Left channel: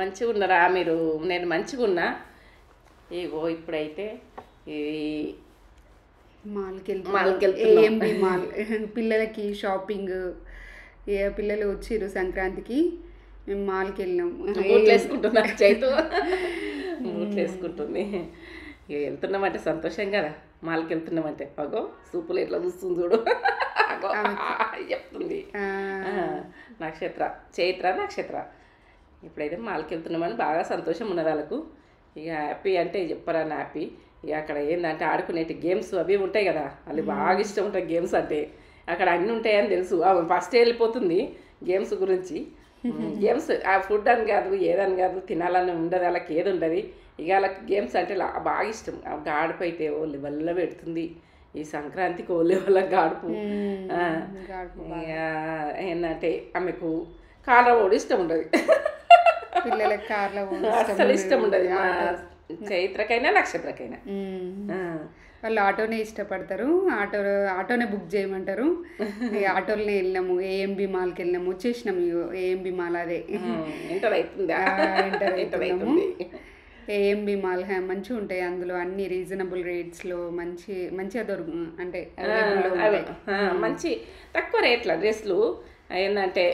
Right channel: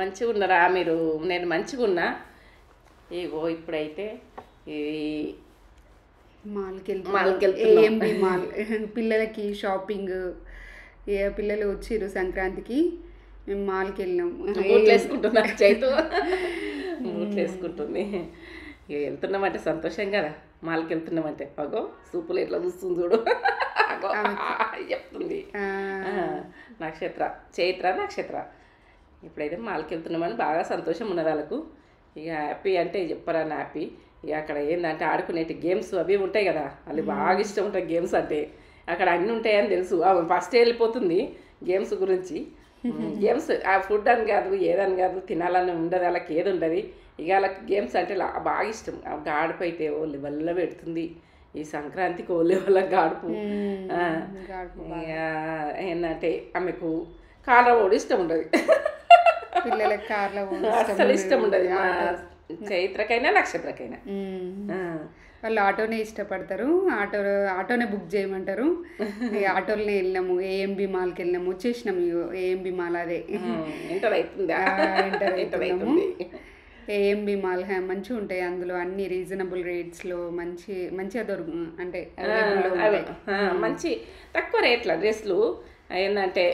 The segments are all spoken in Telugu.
మంచిగా ఉన్నారా మీరు? నేను మంచిగా ఉన్నా. ఇగో ఇప్పుడైతే ఈ మాల్కి మాల్కి వెళ్తున్నాం. వెళ్తున్నాం. ఏఎంబి మాల్ పిల్లలకి షాపింగ్. పిల్లలు వచ్చిర్రు సంక్రాంతికి, మేము మాల్కి వెళ్ళినాం. బూట్లు వేసుకుంటున్నా చైతు బూట్లు వేసుకుంటుంది. ఇక వెళ్తున్నామంటే సంతోషం కదా, మాల్కి వెళ్తున్నామంటే. అగో సూపులు ఎట్లా చూస్తుంది చూడు. అగో చెప్తుంది. నక్షత్ర నక్షత్ర ఇప్పుడైతే మాల్కి వెళ్తున్నామని బాగా సంతోషం ఉన్నది వాళ్ళకు. ఇక హ్యాపీ అంటే చెప్పరా హ్యాపీ. ఇక అక్కడ ఏంటంటే ఆడుకునేటి గేమ్స్ అవి ఉంటాయి కదా, వాళ్ళు బాగా ఇష్టం ఉంటాయి గేమ్స్ అంటే. అక్కడ అన్నీ ఉంటాయని తెలుసు. ఫస్ట్ వెళ్ళిపోతుంది గేమ్స్ గురించి. గేమ్స్ ఆ ఫుడ్ అని కాదు, ఏదని కాదు, తినాలని ఉండదు వాళ్ళకి, ఏది ఉండదు. ఇక వాళ్ళకి గేమ్స్ అంటే బాగా ఇష్టం. గాడుపు అయితే ఓ లెవెల్లో పెడుతుంది ఈ సంక్రాంతికి. ఓ లెవెల్లో గాడుపు. ఇక ఏంటంటే ఆమెకు కార్లో కూడా ఇష్టం ఉండదు, పిల్లలకి కార్లో అస్సలు ఇష్టం ఉండదు. మా చైత్రకైనా నక్షత్రకైనా వాళ్ళు ఆటోనే ఇష్టపడతారు. ఆటోనే బుక్ చేయమంటారు. ఆటోలోనే వెళ్ళినాము. ఏఎంబి మాల్కి వెళ్ళినాము, వచ్చేసినాము. ఏఎంబి మాల్ అదే ఎంటర్ అవుతుంది. ఏఎంబి మాల్ మంచిగా ఉంటాయి. అందులో అన్ని రీజనబుల్ రేట్స్లో మంచిగా అంటే మంచి తక్కువ రేట్ల డ్రెస్సులు. ఏంటంటే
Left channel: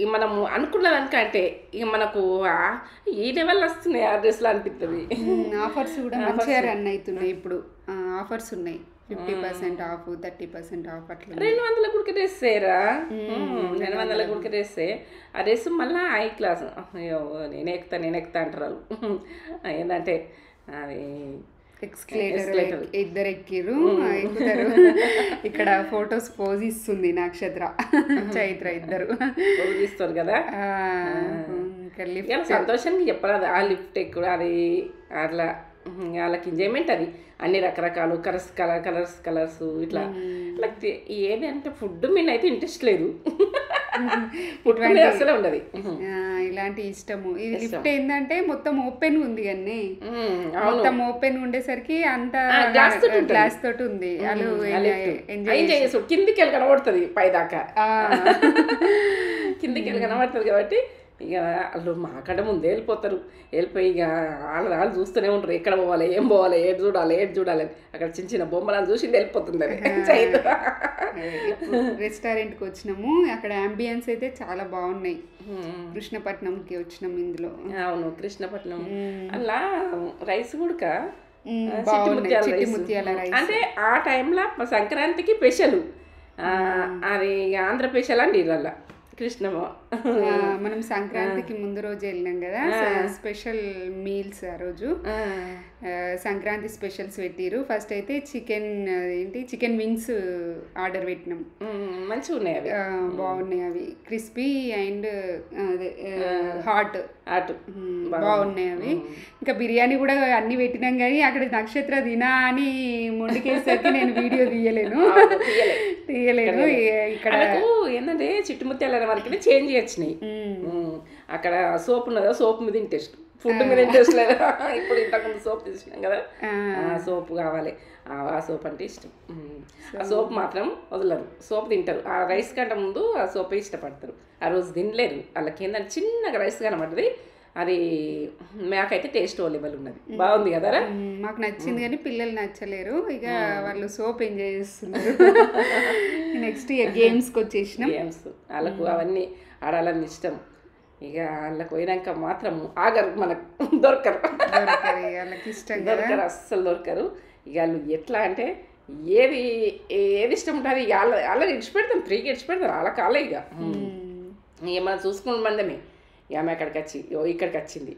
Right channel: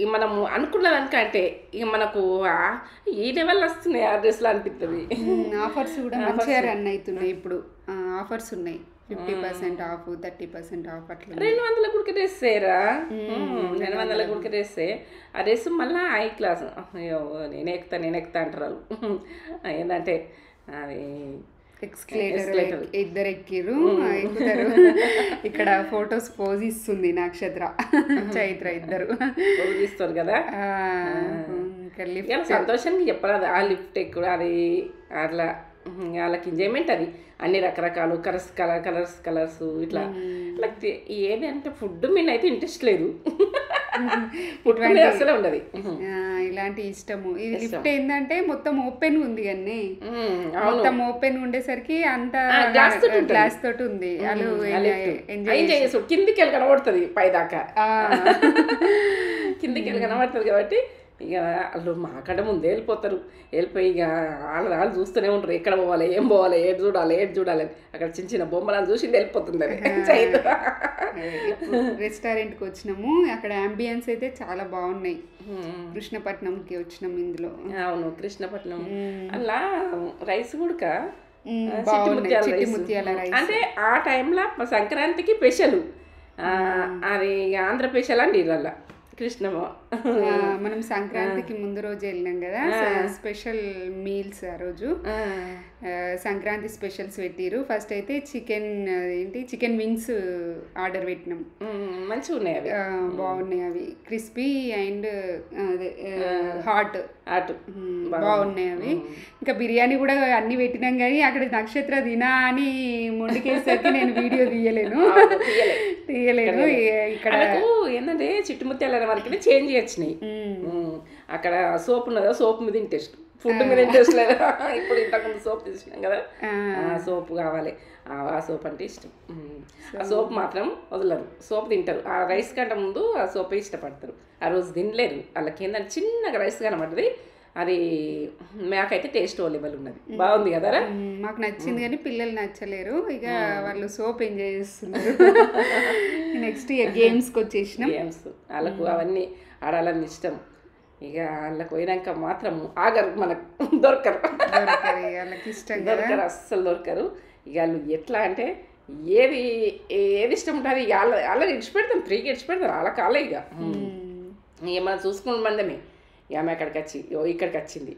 ఇక మనము అనుకున్న దానికంటే ఇక మనకు ఈ లెవెల్ వస్తున్నాయి ఆ డ్రెస్సులు అనిపిస్తుంది. ఆఫర్స్ కూడా మంచిగా రన్ అవుతున్నాయి ఇప్పుడు. ఆఫర్స్ ఉన్నాయి, 50% ఆఫ్, 30% ఆఫ్. అట్లా 200 గుడికి డ్రెస్ వేరా, 200 గుడికి డ్రెస్. ఆ డ్రెస్ మళ్ళీ హై క్లాస్. అయ్యో నేను ఎక్కుతా అంటారు వాళ్ళు. ఏంటంటే అది ఎక్స్కలేటర్ ఇద్దరు ఎక్కిరు, ఎక్కుతారు. ఇక్కడ ఫొటోస్ పోజ్ ఇస్తుంది నక్షత్ర చైత్ర, ఇద్దరు పోజ్ ఇస్తారు కదా. సంతోషానికి చెప్పరాదు ఆ లిఫ్ట్ ఎక్కువ అది అట్లా. వాళ్ళకి ఎంజాయ్మెంట్ అది. అన్ని రకరకాలు కలర్స్ ఇట్లా ఏది అంటే ఫుడ్ మీద అయితే ఇంట్రెస్ట్ లేదు. ఫుడ్ మీద అసలే ఉండదు. ఇలాంటి ఇష్టము. ఇది లిఫ్ట్ ఏంటంటే మొత్తం ఓపెన్ ఉంది, కానీ మొత్తం ఓపెన్ ఉండేసరికి అంత గ్లాస్ తోటి ఉంది. వాళ్ళు ఎంజాయ్ చేసు కిందికి వెళ్ళి కనబడుతుంది, పైదాకా కిందికి వెళ్ళి కనబడుతుంది. కాబట్టి ఇక వాళ్ళు మాకడ ముందే వెళ్ళిపోయి ఇక వాళ్ళు చూస్తూనే ఉంటారు, ఎక్కడ పోవాలి, ఏం పోవాలి, ఏడు చూడాలి. అక్కడ చిన్న బొమ్మలను చూసి వెళ్ళిపోతుంది అది. రెస్టారెంట్కి వచ్చినాము. అక్కడ అంబియన్స్ అయితే చాలా బాగున్నాయి. కృష్ణపట్నంకి వచ్చినాం ఇందులో. అవును, కృష్ణపట్నం. అలా రైస్ కూడా చిట్టి ముత్యాల రైస్ అంటే ఆ టైంలో సంక్రాంతికి స్పెషల్. అది ఆంధ్ర స్పెషల్ అండి ఇళ్ళ కృష్ణమ్మ. మనం సంక్రాంతికి ముందు రోజు వెళ్ళినాం కదా, స్పెషల్ మీల్స్ ఆ రోజు. సంక్రాంతి స్పెషల్స్ పెట్టిరు. ఫస్ట్ అయితే చికెన్ వింగ్స్ ఆర్డర్ పెట్టినాం. మంచిగా ఉన్నాయి అవి, బాగున్నాయి అవి. క్రిస్పీ అండ్ హాట్ బాగున్నాయి అవి. ఇంకా బిర్యానీ కూడా అన్ని పెట్టినాం, కానీ అక్కడ నక్షత్ర తినా అని ముందుకేసరికి నేను వీడియో తీయలేను. ఇక్కడ ఏంటంటే చిట్టుముత్యాల వరకు చేంజ్ వచ్చినాయి. అక్కడ సోప్ ఉన్నదా, సోప్ మీద ఇంట్రెస్ట్, ఫుడ్ మీద ఇంట్రెస్ట్ లేదా. ఇప్పుడు ఇంతకుముందు సోప్ తీసుకున్నాం కదా, ఆ సోప్ కావాలి. ఆ సోప్ అంటే ఇష్టం. ఆ సోప్ మాత్రం వదలరు, సోప్ తింటారు. ఆ రైస్ కంటే ముందు ఆ సోపే ఇష్టపడతారు. ఆ రోజు తినలేరు. వాళ్ళకి ఏంటంటే చిన్నగా రైస్ కనబడుతుంది. అది మాకైతే టేస్ట్ అవైలబుల్ ఉన్నది, బాగుంది కదరా. మాకు నచ్చింది, కానీ పిల్లలు నచ్చలేరు. ఇక వాళ్ళు సోప్ ఎంజాయ్ చేస్తున్నారు. నెక్స్ట్ గేమ్స్కి వచ్చేసినాం. గేమ్స్ వాళ్ళకు అవన్నీ ఆడాలని ఇష్టం. ఇక వాళ్ళకి పోయినాక మాత్రం ఆగరు, మనకు దొరకరు. వాళ్ళకి ఇష్టం దొరకరు, అస్సలు దొరకరు. ఇక వాళ్ళు ఎట్లా అంటే ఏది ఇష్టం ఉంటుంది ఇక వాళ్ళ ఇడిచిపెడతాం, ఫ్రీగా ఇడిచిపెడతారు. వాళ్ళ కాలే ఇక మనం చూసుకున్న మందమే. ఇక ఆమె అక్కడికి వచ్చి ఇక్కడికి వచ్చింది.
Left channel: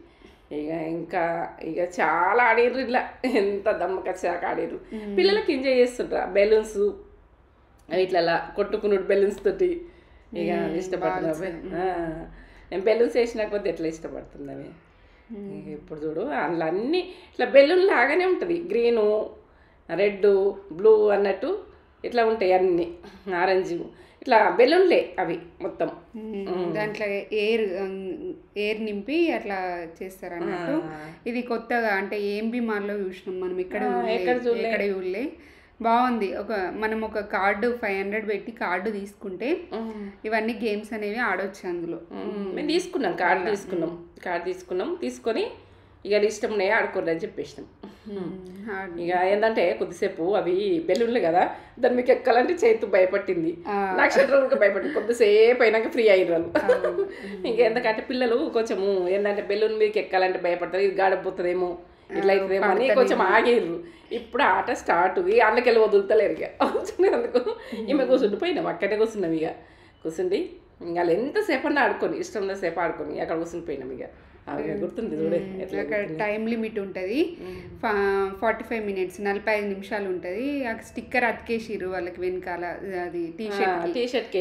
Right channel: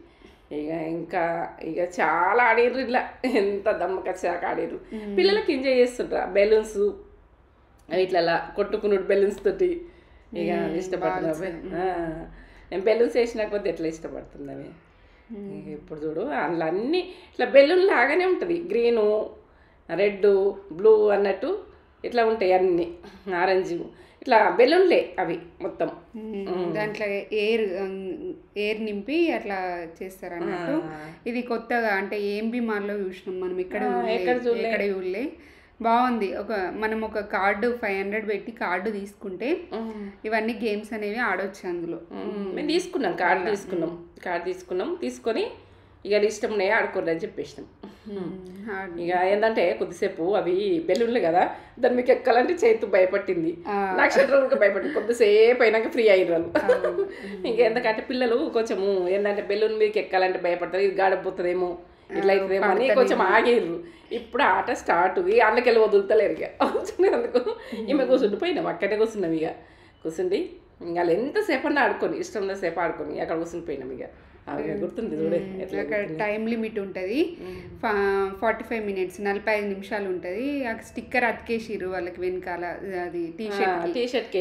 ఇక చాలా ఆడిర్రు. ఇట్లా ఎంత దమ్మకొచ్చాక ఆడిర్రు. పిల్లలకి ఎంజాయ్ చేస్తుంటారు. బెలూన్స్ ఇట్లా కొట్టుకున్నాడు బెలూన్స్ తోటి. ఇక ఇష్టపడుతుంది. నేను బెలూన్స్ వేసిన కొద్ది ఎట్లా ఇష్టపడుతుంది అవి. ఇప్పుడు చూడు అందులో అన్నీ ఇట్లా బెలూన్ లాగానే ఉంటుంది. గ్రీను, రెడ్, బ్లూ అన్నట్టు ఇట్లా ఉంటాయి అన్నీ. ఆరెంజ్ ఇట్లా బెలూన్లే అవి మొత్తం. దాంట్లో ఎయిర్ నింపి అట్లా చేస్తారు అన్నట్టు. ఇది కొత్తగా అంటే ఏఎంబి మాల్లో చూసినాం మనం, ఎక్కడ చూడలే. బాగుంది. మనం ఒక కార్డు 500 పెట్టి కార్డు తీసుకుంటే ఇవన్నీ గేమ్స్ అనేవి ఆడవచ్చు అందులో. మేము తీసుకున్నాం కార్డు తీసుకొని ఇక ఇష్టం ఉన్నాయో ఆడుకోండి అని చెప్పేసినాం. ఇక ఏంటంటే కొద్దిసేపు అవి బెలూన్లు కదా, దాన్ని మీకు ఎక్కాలంటే చేతు భయపట్టింది, నక్షత్రాలకు భయపడింది. కొద్దిసేపు అయినాక ఫ్రీ అయ్యారు వాళ్ళు. ఇంకెందుకంటే పిల్లలు కొంచెము ఏంటంటే బెలూన్ మీదకి ఎక్కాలంటే భయపడతారు, ఇది గాడపోతుందేమో ఇట్లా అవుతుందేమో అని కొంచెం ఆగిర్రు. ఇప్పుడు ఆట స్టార్ట్, అందుకెళ్ళి వదులుతలేరు. ఇక అందుకు ఈమె కూర్చుండిపోయినాం, అక్కడే కూర్చున్నాం. ఇక కూర్చుండి ఇంకా వాళ్ళు ఎంతసేపు అన్నా ఆడుకొని ఇష్టం ఉన్నసేపు ఆడుకొని అక్కడ కూర్చునిపోయినాం. ఇక గుర్తుంది చూడే, టైం లిమిట్ ఉంటుంది 45 మినిట్స్ 45 నిమిషాలు ఉంటుంది. స్టిక్కర్ అతికేసిర్రు వాళ్ళకి వెనకాల, అది టీషర్ట్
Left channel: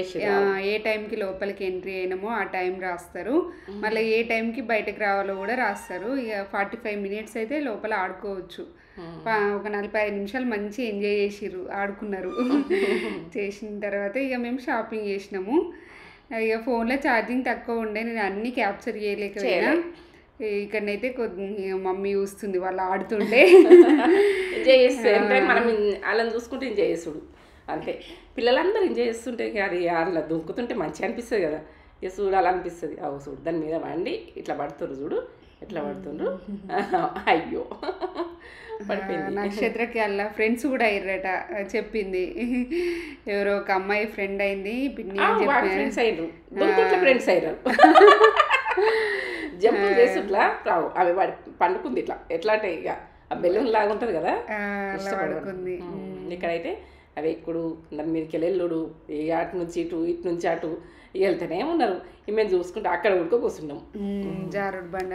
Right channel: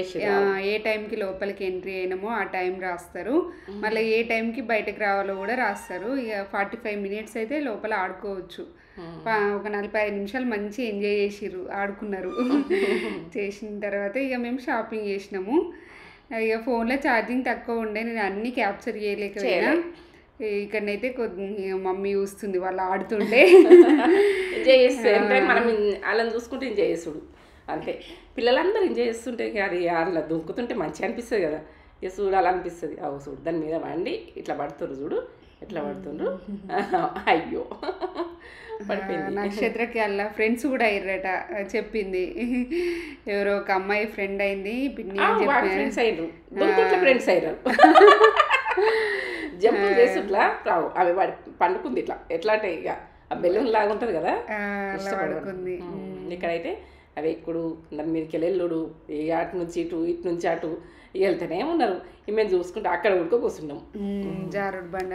ఏ టైంకి లోపలికి ఎంట్రీ అయినామో ఆ టైం రాస్తారు, మళ్ళీ ఏ టైంకి బయటకు రావాలో కూడా రాస్తారు. ఇక 45 మినిట్స్ అయితే లోపల ఆడుకోవచ్చు. ఒక 45 నిమిషాలు మంచి ఎంజాయ్ చేసిర్రు, ఆడుకున్నారు. చేసిన తర్వాత ఇక మేము షాపింగ్ చేసినాము. ఇక ఫోన్లో ఛార్జింగ్ తక్కువ ఉండే, నేను అన్నీ క్యాప్చర్ చేయలేకపోయినా. ఇక్కడనైతే మమ్మీ చూస్తుంది వాళ్ళు ఆడుతుంటే, ఎంజాయ్ చేస్తే మనం వాళ్ళని చూసుకుంటే ఎంజాయ్ చేసుడు అంతే. పిల్లలందరూ ఎంజాయ్ చేస్తుంటే అది అలా దుంకుతుంటే మంచిగా అనిపిస్తుంది కదా, ఇక చూడాలనిపిస్తుంది. అవు చూడు దాని మీద వండి ఇట్లా పడుతుర్రు, చూడు ఎట్లా పడుతుండ్రు. అయ్యో పడిపోయింది. నక్షత్రకి అలా ఫ్రెండ్స్ కూడా అయ్యారట చెప్పింది. ఎవరో ఒక అమ్మాయి ఫ్రెండ్ అయింది, పిన్ని ఫ్రెండ్స్ అయ్యారు, ఫ్రెండ్స్ అయ్యారు. జంపులు చేసుట్లా రావు, అవి పండుకుంది ఇట్లా ఎట్లా అంటే ఇక ఆ బెలూన్ లాగా ఉంటుంది కదా, ఇష్టపడుకుంది. ఇక్కడైతే అవి ఎక్కుడు దాని మీదకి వెళ్ళుడు, అటు నుంచి ఇటు నుంచి అటు వెళ్తూనే ఉన్నారు. మేము చూసుకుంటే అక్కడ ఉడుకో కూర్చున్నాం. జారుడు బండ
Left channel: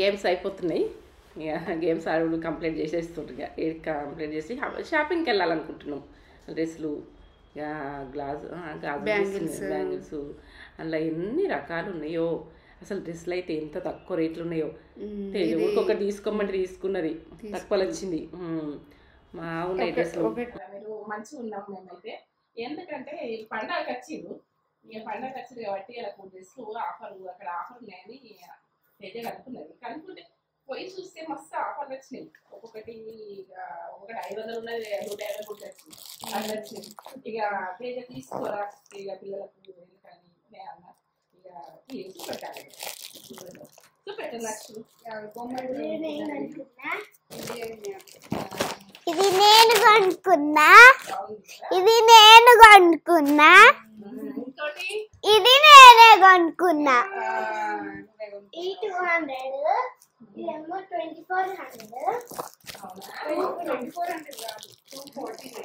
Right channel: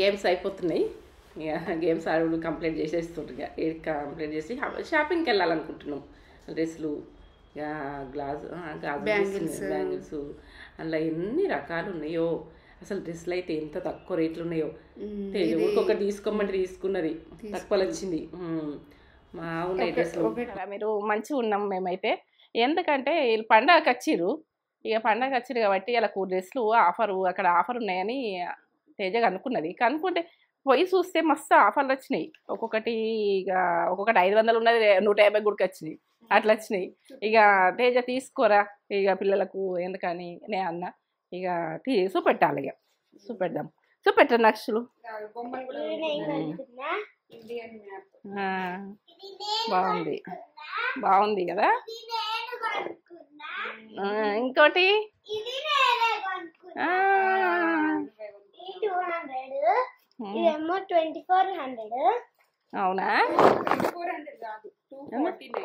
గేమ్స్ అయిపోతున్నాయి. ఇక గేమ్స్ ఆడు కంప్లీట్ చేసేస్తుంటారు. ఇక కంప్లీట్ చేసి షాపింగ్కి వెళ్ళాలనుకుంటున్నాం. డ్రెస్సులు, ఇక బ్యాంగిల్స్ అందులో ఎన్ని రకాలు ఉన్నాయో అసలు. డ్రెస్సులు అయితే ఎంత తక్కువ రేట్లు ఉన్నాయో. ఒకటి తీసుకోమంటే తీసుకున్నది, తక్కువలో వచ్చింది. మా ఉన్నాయి డ్రెస్సులు. మీరు మంచిగా ఉన్నాం మేమైతే, ఎందుకంటే వీళ్ళు పండగకి వచ్చిర్రు. ఇక పండగకి వచ్చిర్రు కాబట్టి వాళ్ళకు డ్రెస్సులు అక్కడ ఆఫర్ ఉన్నాయని తేజగా అనుకున్నది. కనుక్కుంటే పోయి చూస్తే మస్తు ఆఫర్లు వచ్చినాయి. ఒక్కొక్కటి 500 ఉన్నది, 150 గుడికి వచ్చింది, అట్లా వచ్చినాయి. ఇక తేజ తీసుకోరా ఇక పిల్లలకు ఎందుకని నే అన్న. ఇక చూపెట్టాలి, ఇక చూపెట్టారు నక్షలు. ఇది నేను కొనుక్కున్నా, బాగుంది కదా. ఇది నేను కొనుక్కున్నా. ఇంకోటి ఇది నేనే కొనుక్కున్నా. ఈ 200, ఇదేమో 2400. అవునా, 24900.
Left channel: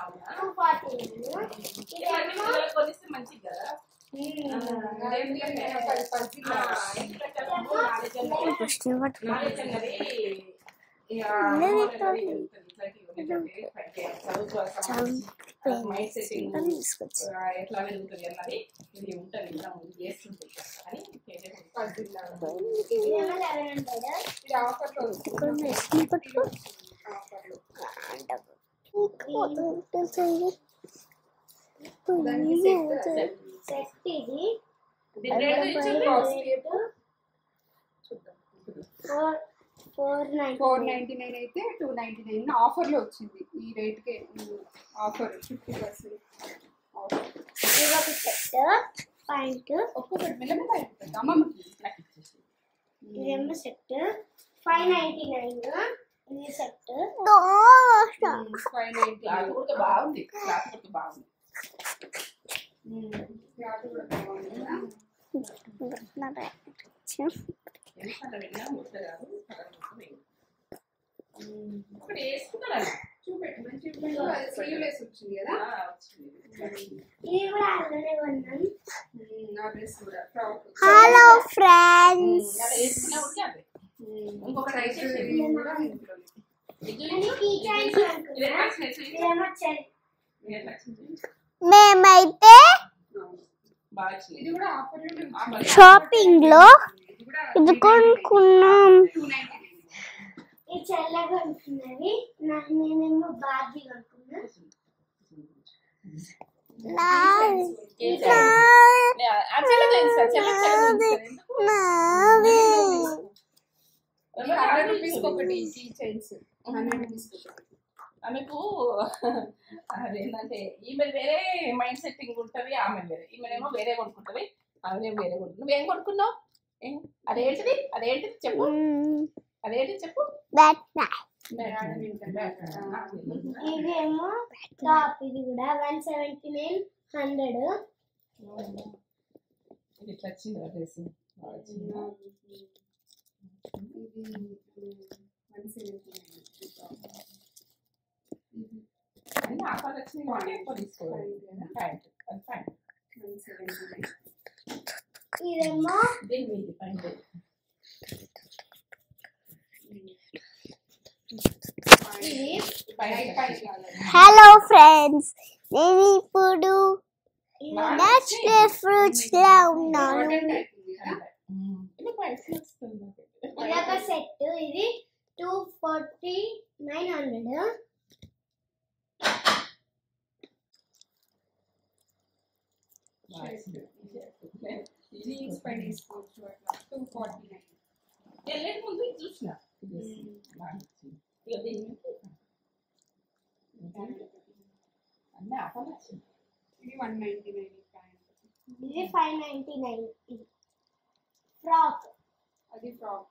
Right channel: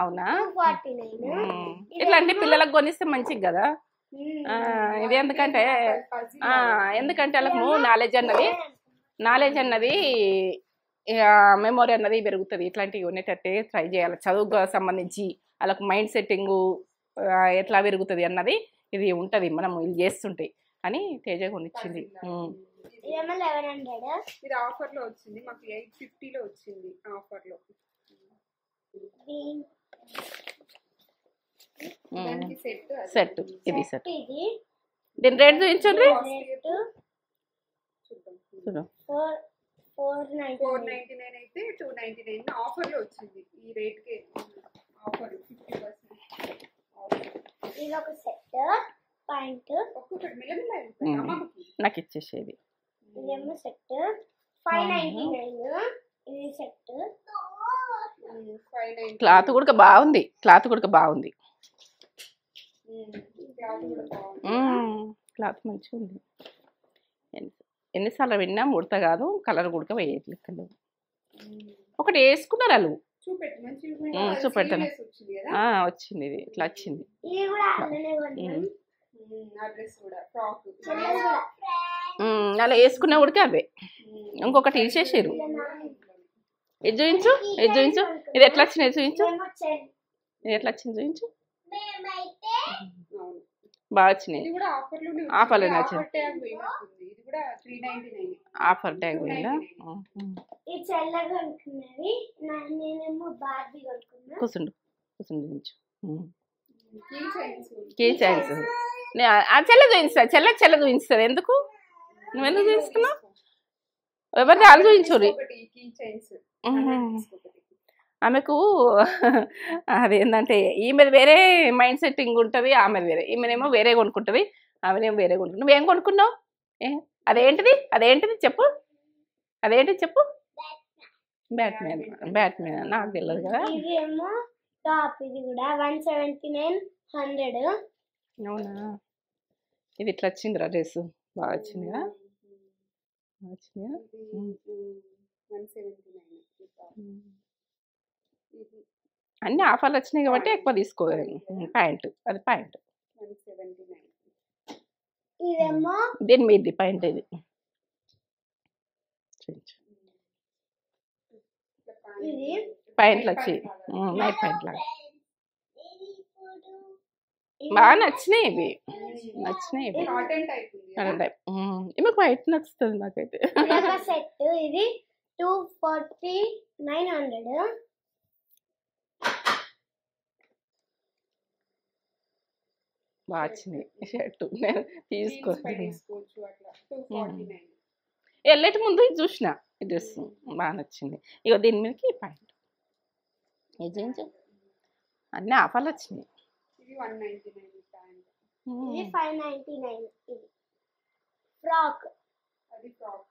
అవునా, ఇట్లాంటి పిల్లలకు కొనిస్తే మంచిది కదా. ఇది ఎందుకంటే వాళ్ళకు నాలెడ్జ్ అన్నది ఇక మెమొరీ అన్నది పెరుగుతుంది. ఇట్లాంటివి ఉన్నట్టంటే ట్రై చేయాలి. చదువుకు సంబంధించి వాళ్ళకు మైండ్ సెట్టింగ్ ఎట్లా పెరుగుతుంది అన్నది ఇది ఉంటుంది, మనం ఇది చేస్తుంటాయి అని తేజ కొనిచ్చింది. సెట్, ఇది సెట్. దీని రేట్ చూపించండి. 499 అయితే 299 ఆఫర్లో వచ్చింది. ఈ రేట్కే ఆఫర్ 50% ఇదొక సెట్. పాయింట్. నాకు ఇచ్చేసేది. ఇదేమో సెట్ 599. ఇది సెట్. క్లాత్ కూడా బాగుంది. క్లాత్ కూడా బాగుంది. క్లాత్ మంచిగా ఎన్నిసార్లు విన్నా ముడత కాదు, కలర్ కూడా వేయట్లేదు. ఒకటి వేసుకున్నారు వాళ్ళు. చూపెట్టాను. వచ్చింది, ఇది ఇట్లా వచ్చింది. హలో ఫ్రెండ్స్, అలా వేసుకున్నా ఉడికి అవే. ఇంకొకటి తీసేసారు. ఇది చూపించు, ఇది చూపించు. ఇది ఎట్లా వచ్చింది చూపించు. ఇది ఎట్లా వచ్చింది చూపించు. మేమైతే బాగా వచ్చినాయి. ఆఫర్లు షాపింగ్ లో ఇది కొనుక్కున్నాం. కూర్చుండు, కూర్చుండు చూపించు. చెల్ల చూపిస్తారు, చెల్లెకి చెల్ల చూపిస్తారు. ఎందుకు ఎవరిని వాళ్ళు చూపించు. ఆమెకు అదేంటంటే ఈమెది వేరే మైండ్ సెట్టింగ్ ఉంటుంది, ఆమెది వేరే. ఈమెనేమో వేరే కొనుక్కుంటుంది, ఆమెనేమో వేరే కొనుక్కుంటుంది. నువ్వేం కొనుక్కున్నావు? అదేంటిది? అదేంటిది చెప్పు. అదేంటిది చెప్పు. బ్యాట్మెన్. బ్యాట్మెన్ నాకు తెలియదు కదా. ఇదేమో టాప్. ఇది కూడా 17900. అవునా? ఇది ఇట్లా వచ్చిందిరా డ్రెస్. బాగా వచ్చింది కదా. అన్ని ఆఫర్లు వచ్చినాయి కాబట్టి ఎక్కువ తీసుకోవాలి. ప్యాంట్, అది ప్యాంట్. దీని మీది ప్యాంట్. ఇది ప్యాంట్లు వచ్చి. హలో ఫ్రెండ్స్, నేను ఇప్పుడు బాగా నచ్చినాయి. ఫ్రూట్స్ లో ఉన్నాను. మీకు వైట్ నచ్చుతుంది నాకైతే. సెట్ ఇది 24900. బాగా వచ్చింది షర్ట్. నేను తీసుకోవాలి. వెళ్ళేటి ముందు ఇది చూసిన ఈ డ్రెస్ బాగా నచ్చింది. ఇక దీని మీదకి ప్యాంట్. అన్నీ ఆఫర్లు వచ్చినాయి. ఇది 199 ప్యాంట్. ఇది 599. ఇది ఫ్రాక్. అది ఫ్రాక్.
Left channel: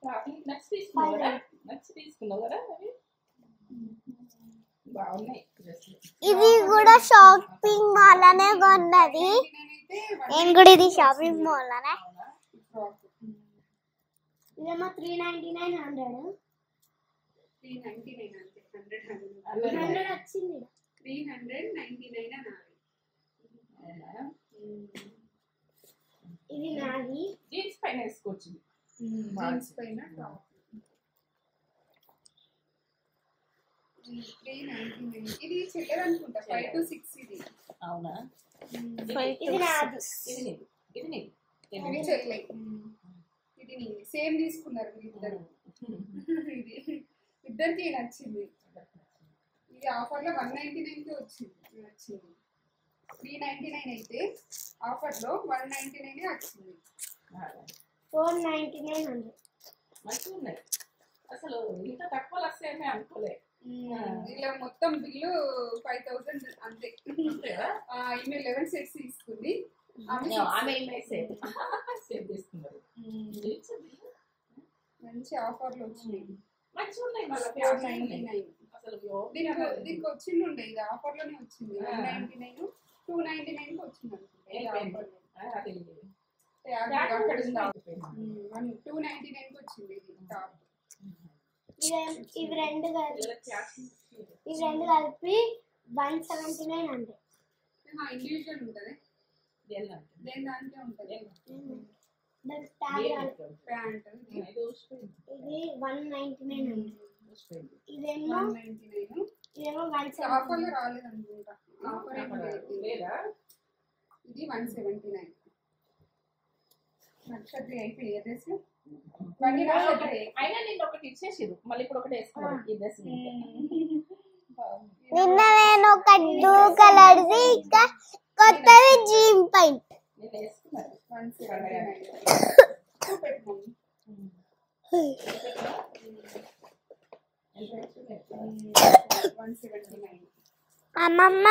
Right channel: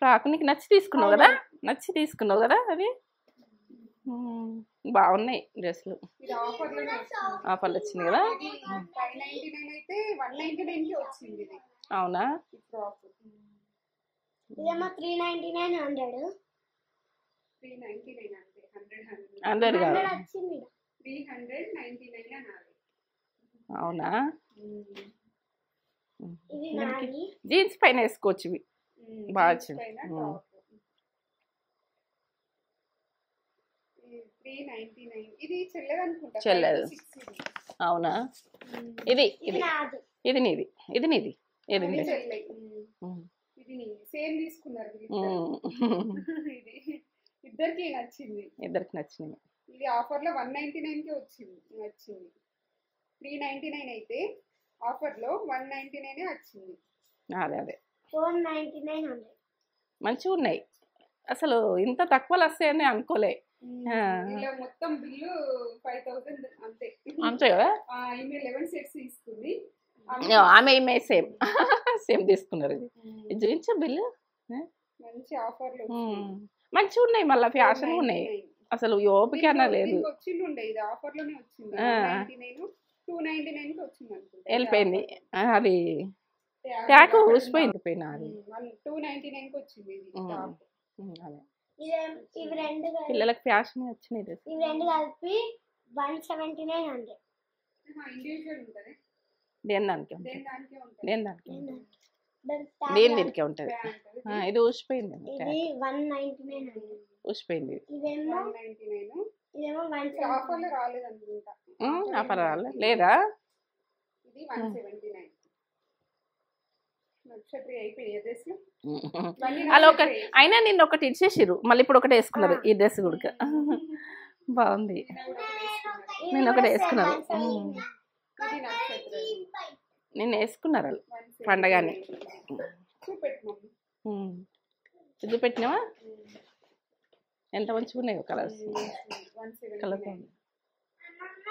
ఫ్రాక్ నీకు నచ్చి తీసుకున్నావు కదా. నచ్చి తీసుకున్నావు కదా. అవి బాగున్నాయి డ్రెస్సులు. ఇది కూడా షాపింగ్ మాల్ అనే కొన్నది. నేను కూడా ఇది షాపింగ్ మాల్ అనే. అవునా? ఇదేమో 39900. 399 అంతే. 100 కాదు. 100 వచ్చింది. 399 అనాలి. అవునా? ఇది నాది. జీన్స్ పైన వేసుకోవచ్చు ఇవి. బాగా వచ్చింది. 399. ఇది చెల్లెదు అనుకుంటా. చెల్లెదు. 6 ఇది. అవునా? ఇది ఇది నాది. ఇది నీది. ఇది నీది. ఇది నీది. చెల్లె. ఇది నీది. సేమ్ తీసుకున్నారు ఇది. ఇద్దరికి నచ్చింది. ఇద్దరికి నచ్చింది. ఇది ఆఫర్ లో 199 కి వచ్చింది. 399 అయితే ఆఫర్ లో 199 వచ్చింది. అదే అదే 499. మంచిగా ఉన్నాయి. అసలు ఇంత తక్కువలు వస్తాయని అనుకోలే. ఇలా మొత్తం బిల్లు 5000 అంతే. అంతే కదా. ఈమె 11 సెట్స్ తీసుకుంది. ఆమె సేమ్ సేమ్ తీసుకున్నారు. ఇది చూపించు బిల్లు. మంచి ఆఫర్లు మంచిగా ఉన్నాయి. మళ్ళీ ఫ్యాషన్ ఉన్నాయి. అసలు ఓపిక అన్న లేదు. వచ్చిండే ఇది ఆఫర్ లోనే వచ్చింది. 199 299 కి వచ్చింది అనుకుంటా. వెళ్ళిపోయింది అది. ట్యాగ్ ఊసిపోయింది. 299 కి వచ్చింది ఇది టాప్. ఇవి రెండు పిల్లలకు ఫ్యాషన్ వచ్చినాయి. ఇవి రెండు కలిపి 17900. ఇండివిజువల్ ఉంటది. దేని దానికే ఉంటుంది. దేని దానికే దేని దీనికే ఉంటుంది. ఇది ఊసిపోయింది. ఇది 19900. ఊసిపోయింది. ఇదేమో 199. ఇదేమో ఆఫర్ లో రాలేదు అనుకుంటా. ఆఫర్ రాలేదు లేదా? ఇది 179. అలా ఒక అయినా నిన్న ఒకటి ఇచ్చేసిరు, మళ్ళీ ఇప్పుడు ఒకటి వేసుకున్నారు. ఈ డ్రెస్ కూడా బాగుంది. నిన్న నేను ఒక బ్లూ కలర్ది ఇంకా కొత్తది జీన్ ప్యాంట్ నిన్న వేసుకున్నారు పండగానే. ఇది పెట్టినావా? ఎంత మంచిగా ఉన్నాయి కలర్స్. కలర్స్ అమ్మమ్మ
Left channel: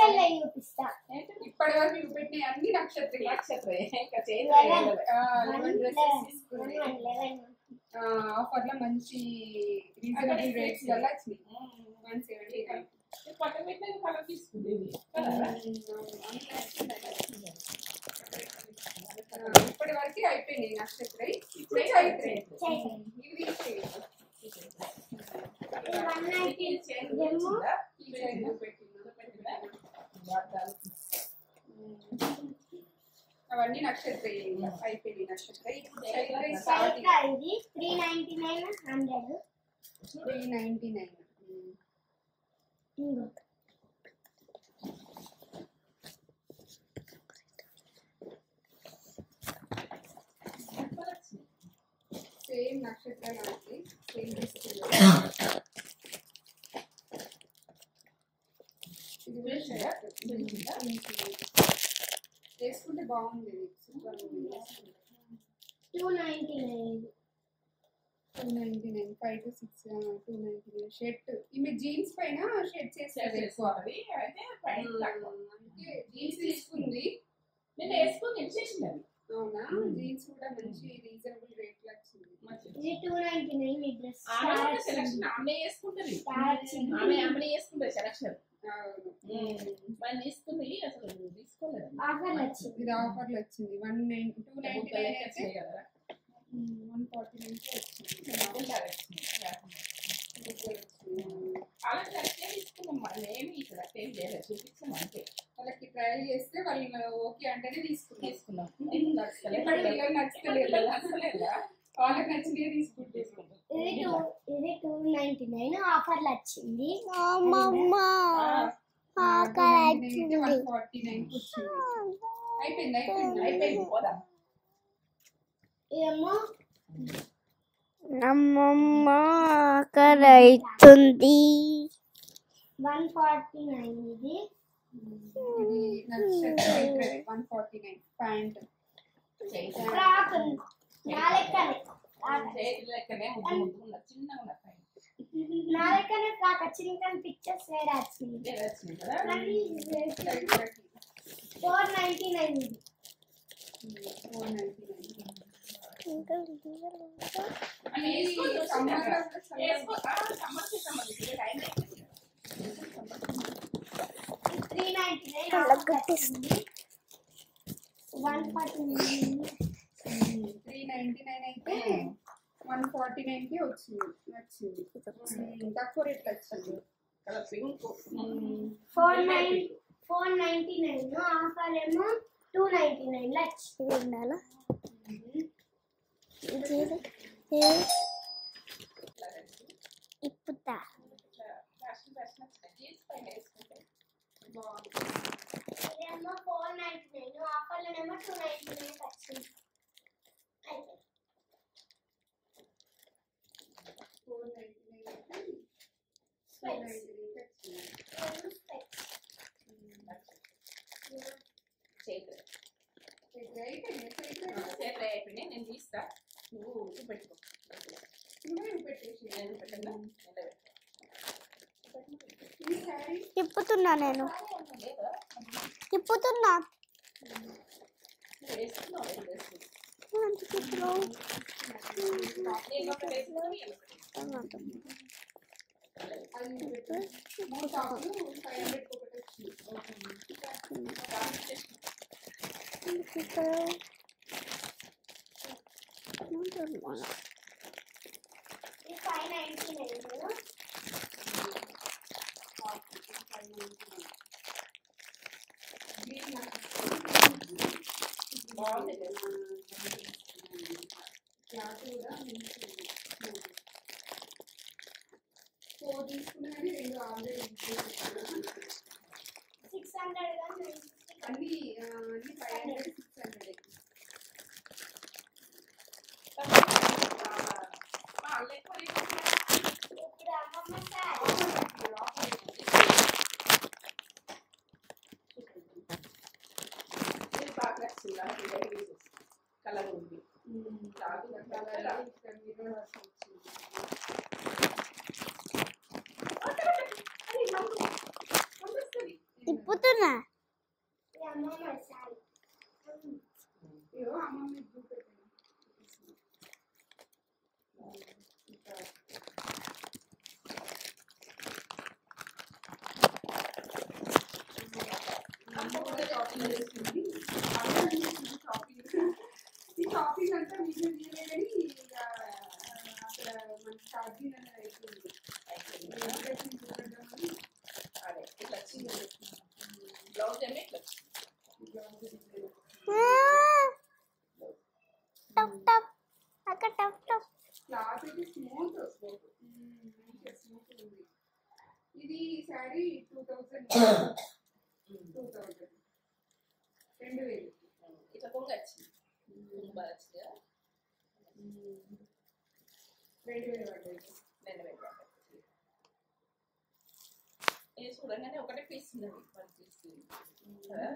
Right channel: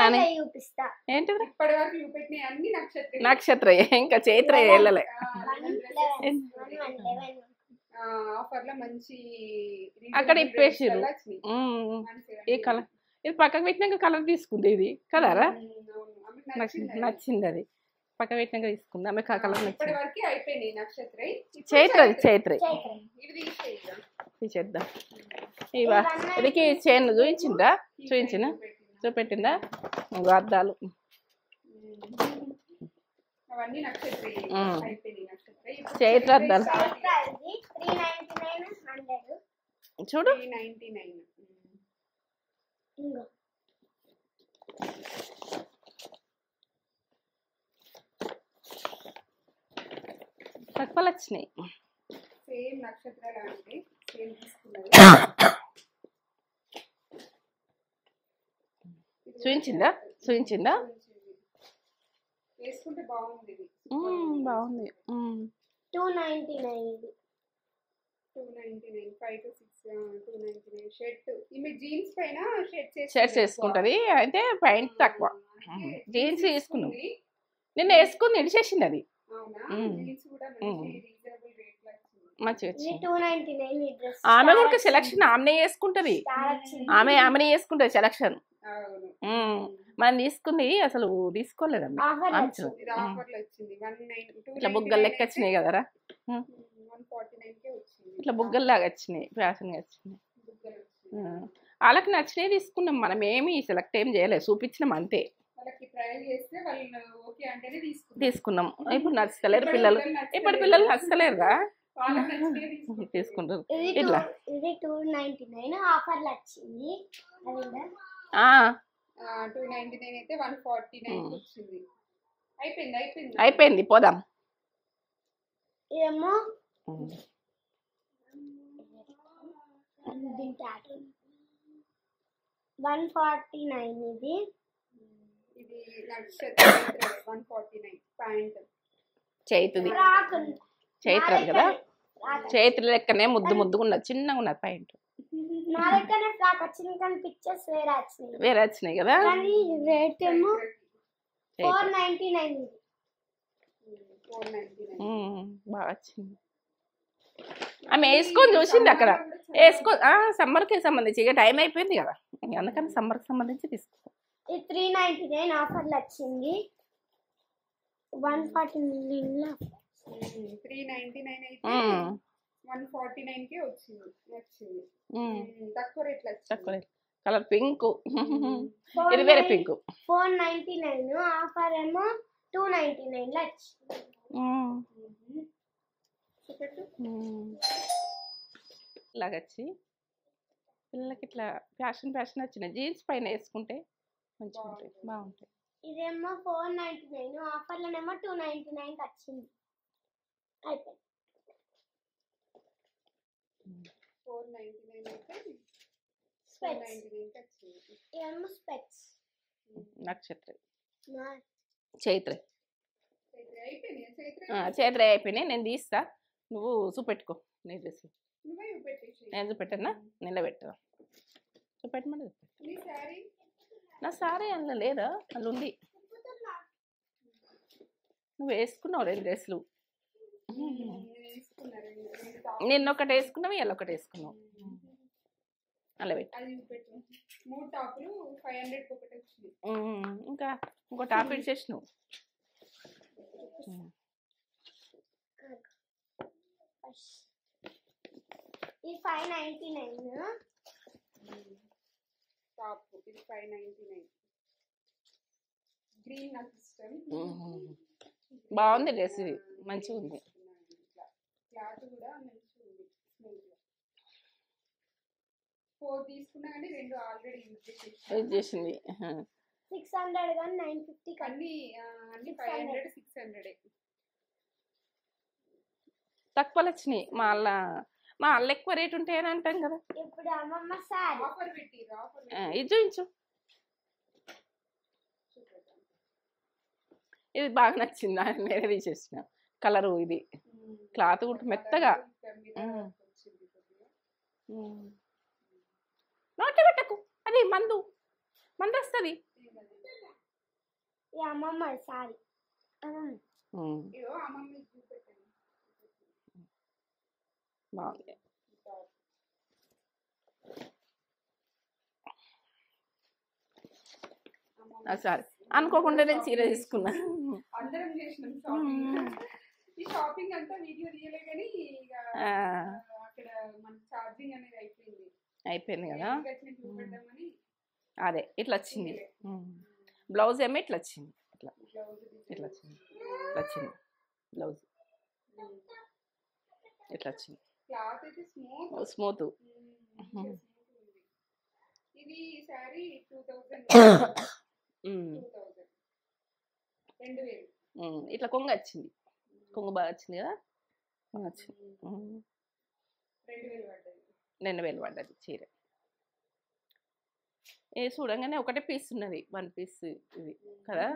నాని చూపిస్తా. ఏంటి ఇప్పటి వరకు చూపెట్టిన అన్ని నక్షత్రం నక్షత్ర ఇంకా చైత్ర వెళ్ళలే ఆఫర్ లో మంచి అక్కడ ఇప్పేసిర్రు ఏ కలర్ ఇది పక్కకు పెట్టినాక కలర్ తీసుకుంది ఇది కలరా నచ్చింది అది పక్క పెట్టినాక తీసుకుంది ఆమె కలర్ ఇప్పటి వరకు అయిపోయినాయి నక్షత్రం చైత్ర తీసేద్దాం ఇవా ఇదికి చైన్ చూపెట్టిందా అద్దాలు అవన్నీ నక్షత్రం అయిపోయినాయి నక్షత్రం చైత్ర అద్దాలు చూడు 399 తక్కువలు వచ్చినాయి సేమ్ నక్షత్రాలు అంటే చూపించిందా వేసుకుంటే బాగుంది బాగుంది 299 299 5 to 6 299 షర్ట్ ఈమె జీన్స్ పైన షర్ట్స్ వేసుకుంటది అయితే ప్యాంట్ తక్కువ జీన్స్ తీసుకున్నాం నిన్న వేసుకుని ఇడిచేసింది అది ఆమె కూడా సెలక్షన్ ఆమెనే వేసుకుంటది ఆమెనే వేసుకుంటది సెలక్షన్ మనం తీసుకుంది అసలు తీసుకోలేదమ్మా ఇట్లా బుగ్గలు లెక్క వచ్చినాయి కదరా ఇట్లా బుగ్గలు లాగా వచ్చినాయి ఫ్యాషన్గా వచ్చినాయి వాళ్ళకి నచ్చినవి తీసుకున్నాం మనం ఏమి సెలెక్ట్ ఏం చేయలేదు చూపించినాం అంతే తీసుకున్నాం ఇప్పుడు నచ్చలేరు పిల్లలు ఇప్పుడు పిల్లలు నచ్చలేరుగా తీసుకుంటారు ఇట్లా అయిపోయింది పోదాం అమ్మమ్మ ఆకలైతుంది 149 ఇది 149 ప్యాంట్ చైత్రం కదా చైత్ర లెక్కనే ముద్దుగా ఉన్నది చిన్నగా ఉన్నది ప్యాంట్ వేరే వచ్చినాయి కదా బాగా ఆమె వేసుకొని చూసింది అక్కడ సమ్మర్కి సంబంధించి ఇక టైం అయిపోయింది కదా అందుకని సమ్మర్కి సంబంధించి తీసుకురా 399 అయితే 149 కి వచ్చింది తక్కువ రేట్లు వచ్చింది కలర్ పింక్ ఇది వేరే పింక్ 499 ఆఫర్ ఏమో 299 లో వచ్చింది ఇలాగ వచ్చి పిల్లలకి ఇట్లా ఫ్యాషన్ వచ్చిన జీన్స్ పైన వేసుకుంటే ఇదేమో 499 ఆఫర్లోనేమో 299 వచ్చింది అయిపోయింది 499 నక్షత్రం చైత్ర అయిపోయినాయి నేను తీస్తా నువ్వు చూపెట్టుకో నేను తీస్తా నేను చూపెట్టన్నా నిలబెట్టా చూపెట్టమని తిప్పుతున్నా నేను సారీ అందులో లేదా అందులో ఉంది తిప్పుతున్నా నువ్వు వేసుకున్నావు 2 డ్రెస్సులు నిన్న ఒకటి వేసుకున్నావు ఇలా ఒకటి వేసుకున్నావు అలా ఇంకా ఇంకో టాప్ ఇచ్చేసినావు బాగుంది డ్రెస్ ఇది మంచిగా ఉంది యూజ్ చేసింది 600 కానీ 950 అన్ని 500 600 తక్కువ వచ్చినాయి మా వాళ్ళ ఎక్కువ రేట్ ఉంటే ఏమంటారు కదా ఇప్పుడు అమ్మమ్మ సారీ ఇది బాగా నచ్చింది నేనే తీసేసిన కలరు ఇది క్లాత్ కూడా మెత్తగా అది మందు తిప్పుతున్నా అమ్మమ్మ సారీ అచ్చా అనుకోకుండా నేను చీర తీసుకున్నా. అయిపోయింది కదా. అదే ఇట్లా వచ్చింది. బ్లౌజ్ ఏమో ఇట్లా వచ్చింది. ఇట్లా వచ్చింది బ్లౌజ్ ఇట్లా వచ్చింది. స్మూత్. ఇట్లా కొంగ వచ్చింది. కొంగ బాగా వచ్చింది కదా. వచ్చింది 2000 పడ్డది చీర. చూడంగానే ఒకటే పీస్ ఉన్నది, 1 పీస్ ఇది కదా.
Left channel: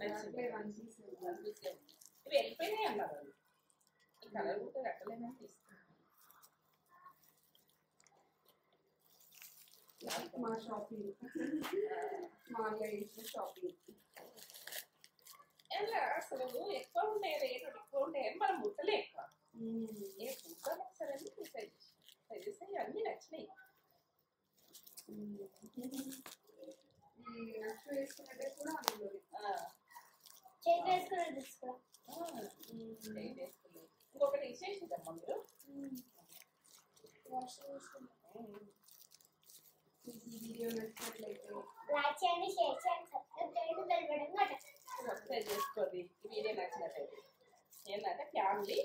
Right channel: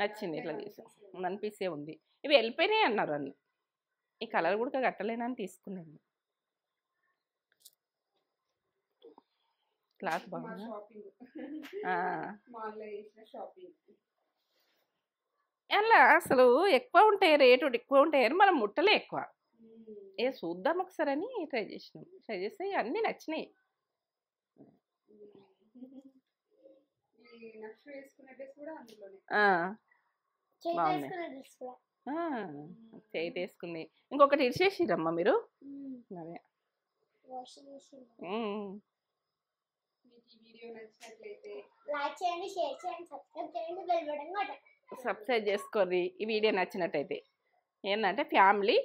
నచ్చింది. ఇట్లా తీసాం 1 పీసే ఉంది. ఇవి వెళ్ళిపోయినాయి అన్నారు అన్ని. ఈ కలర్ కూడా కట్టలేనని తీసుకున్నాను. క్లాత్ అలా అసలు ఎక్కువ ఉంటాయి, రేటు ఎక్కువ ఉంటాయని మనం ముట్టలే ఎక్కువ. చూద్దాం ఒకసారి అని ట్రై చేసినాం. ట్రై చేస్తే అన్నీ నచ్చినాయి. బాగుంది. స్ట్రైట్ వేసుకుంది. ఇంకొకటి ఇచ్చేసిరమ్మా మీరు. అదే సబ్స్క్రైబ్ చేసుకోర్రి. ఈ వీడియో నచ్చినట్టయితే. ఏంటంటే ఫ్యామిలీ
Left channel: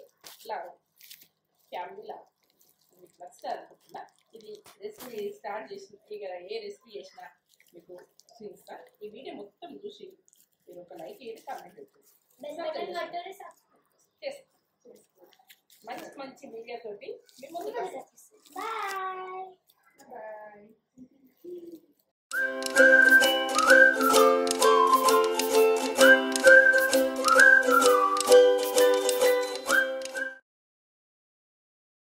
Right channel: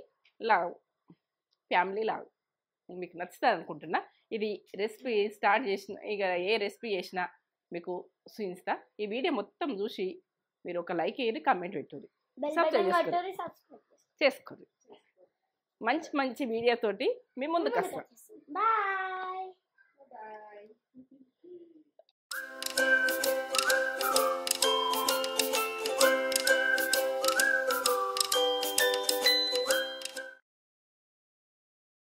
లాగ్ మీకు నచ్చుతుంది అనుకుంటున్నా. ఇది రెసిపీ స్టార్ట్ చేసిన ఇక ఏ రెసిపీ చేసినా మీకు చూపిస్తా. ఈ వీడియో మొత్తం చూసి మీరు ఒక లైక్ వేయండి, కామెంట్ పెట్టండి, సబ్స్క్రైబ్ చేసుకోండి. మంచి మంచి వీడియోతోటి మీ ముందుకు వస్తాం. బాయ్.